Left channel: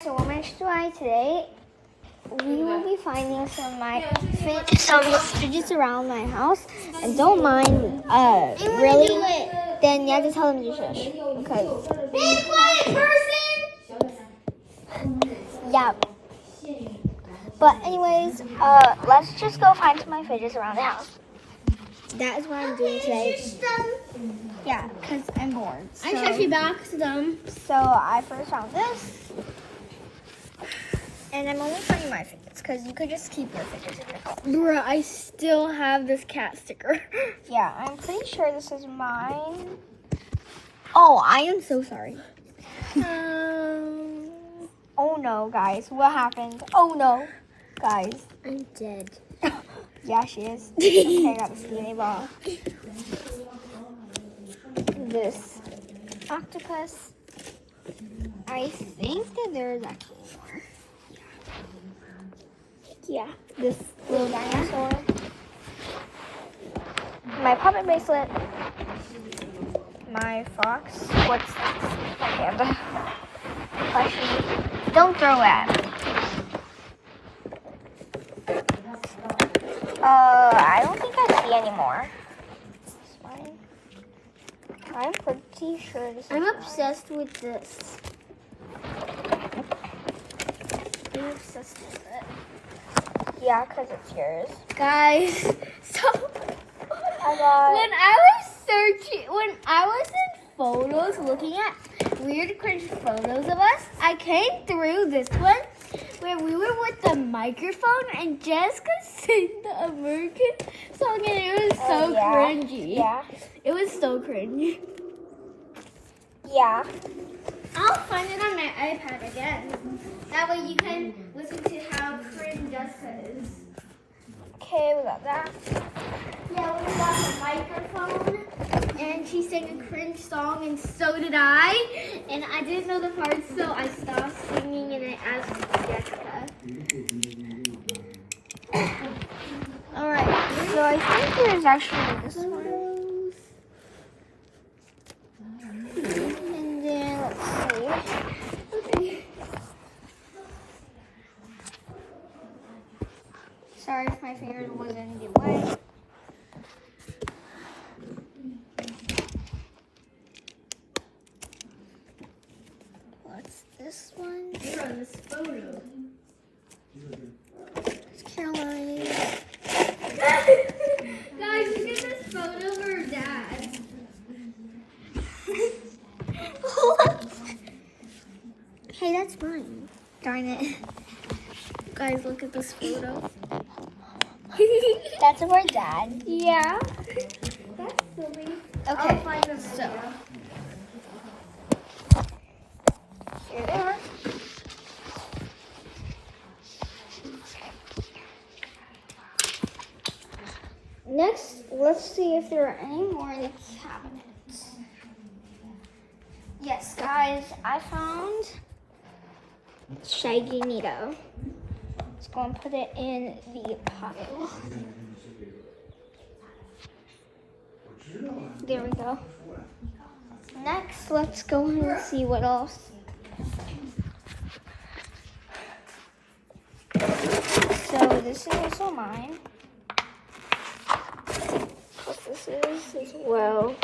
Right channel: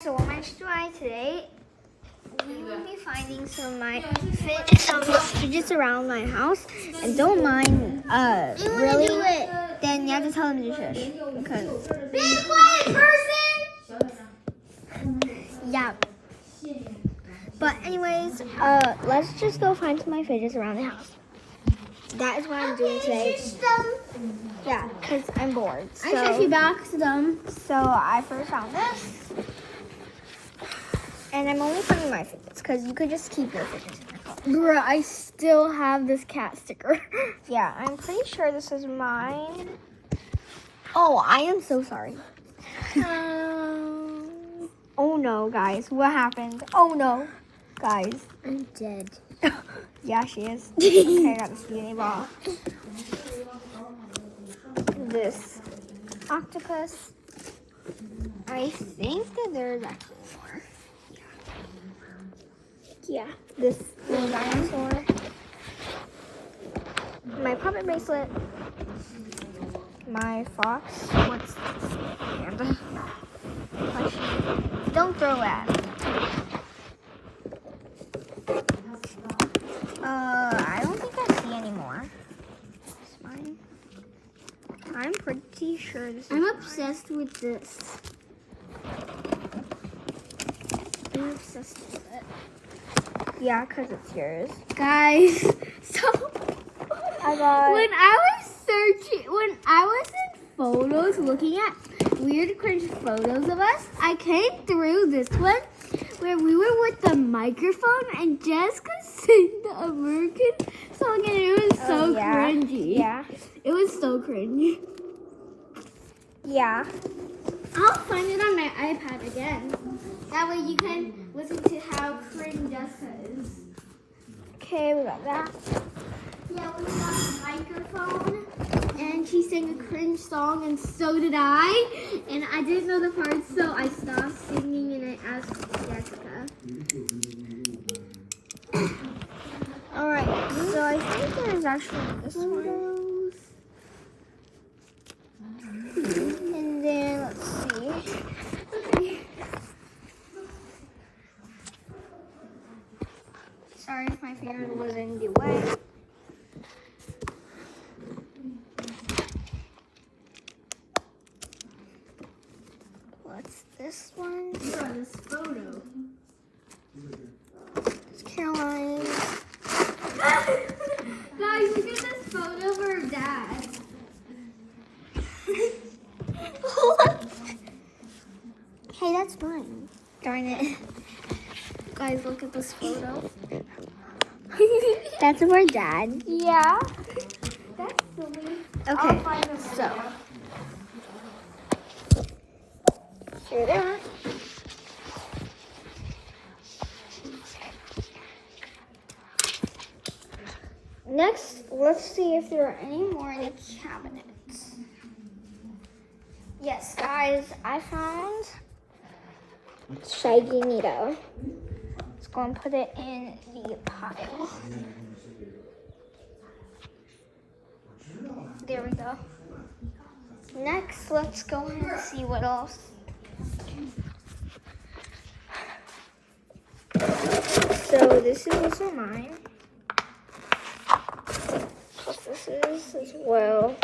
So much today. We will be finding some fidgets around my house, and don't mind really. Then you have to tell them to shush because. Be quiet, person. Yeah. But anyways, let's just go find some of my fidgets around the house. That is what I'm doing today. Yeah, because I'm bored. So. I actually boxed them. So I first found this. And I'm only finding my fidgets because you could just keep your fidgets in your phone. Bruh, I still have this cat sticker. Yeah, I'm pretty sure this is mine. Oh, I am so sorry. Oh no, guys. What happened? Oh no. Guys. I'm dead. Yeah, she is. Okay, I got the skinny ball. This octopus. I think that there's actually more. Yeah, this little dinosaur. My puppet bracelet. My fox. What's this? My panda. Plushie. Don't throw at me. I don't think I see any more. This mine. I'm pretty sure this is I'm mine. obsessed with this. I'm obsessed with it. Yeah, because it's yours. Guys, so when I was in photos looking at weird cringe photos of us, I came through this one where we were with the microphone and Jessica sang the American song and it was so cringy. Yeah. It was so cringe. Yeah. I'll find it on my iPad again. That way you can listen to how cringe Jessica is. Okay, we got that. Yeah, we got the microphone, and she sang a cringe song, and so did I. And I didn't know the parts, so I stopped singing, and I asked Jessica. Alright, so I think there's actually this one. And then, let's see. Okay. Sorry if my finger was in the way. What's this one? From this photo. It's Caroline. Guys, look at this photo of her dad. Hey, that's mine. Darn it. Guys, look at this photo. That's of our dad. Yeah. That's silly. Okay, So. here they are. Next, let's see if there are any more in the cabinets. Yes, guys, I found Shaggy Nito. Let's go and put it in the pile. There we go. Next, let's go ahead and see what else. So this is also mine. What this is as well.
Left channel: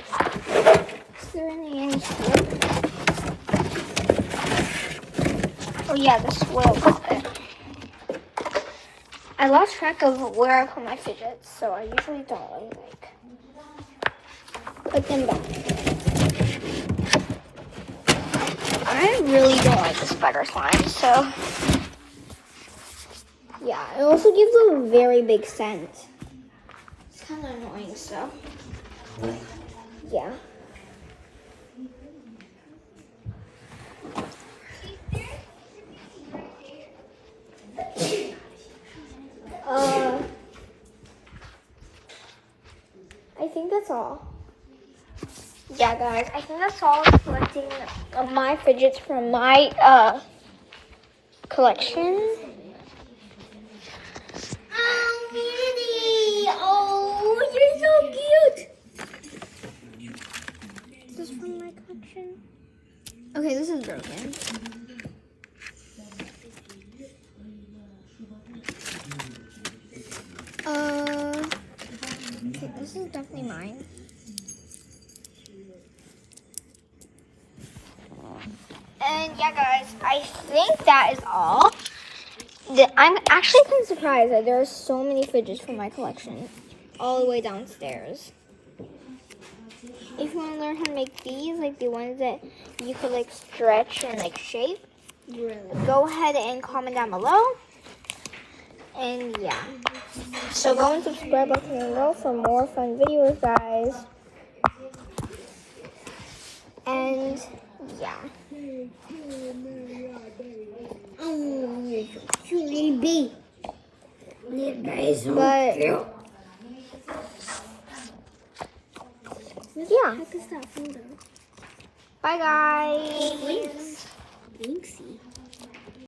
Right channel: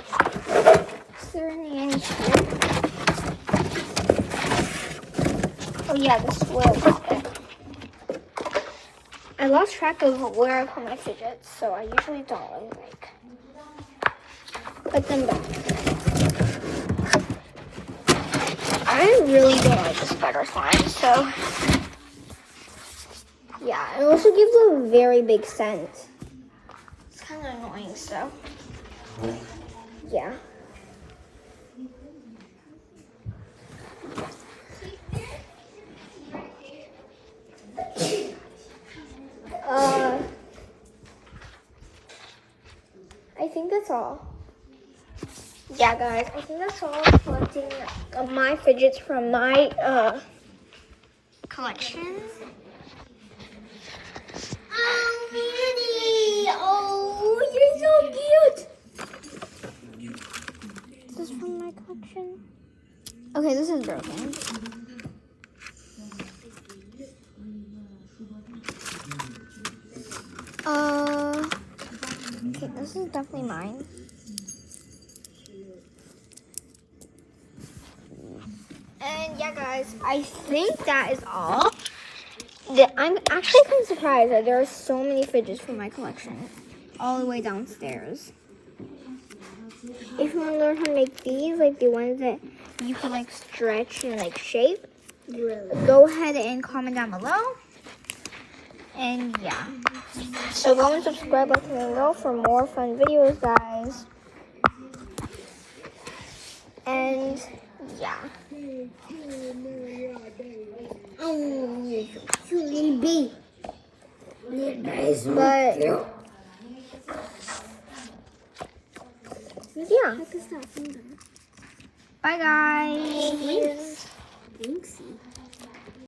Is there any in here? Oh yeah, this will pop it. I lost track of where I put my fidgets, so I usually don't really put them back. I really don't like the spider slime, so yeah, it also gives a very big scent. It's kind of annoying, so yeah. I think that's all. Yeah, guys, I think that's all collecting of my fidgets from my collection. Oh, Mandy! Oh, you're so cute! Is this from my collection? Okay, this is broken. this is definitely mine. And yeah, guys, I think that is all. I'm actually kind of surprised that there are so many fidgets from my collection all the way downstairs. If you want to learn how to make these, like the ones that you could like stretch and like shape, go ahead and comment down below. And yeah, so go and subscribe, like, and below for more fun videos, guys. And yeah. But yeah. Bye, guys. Thanks.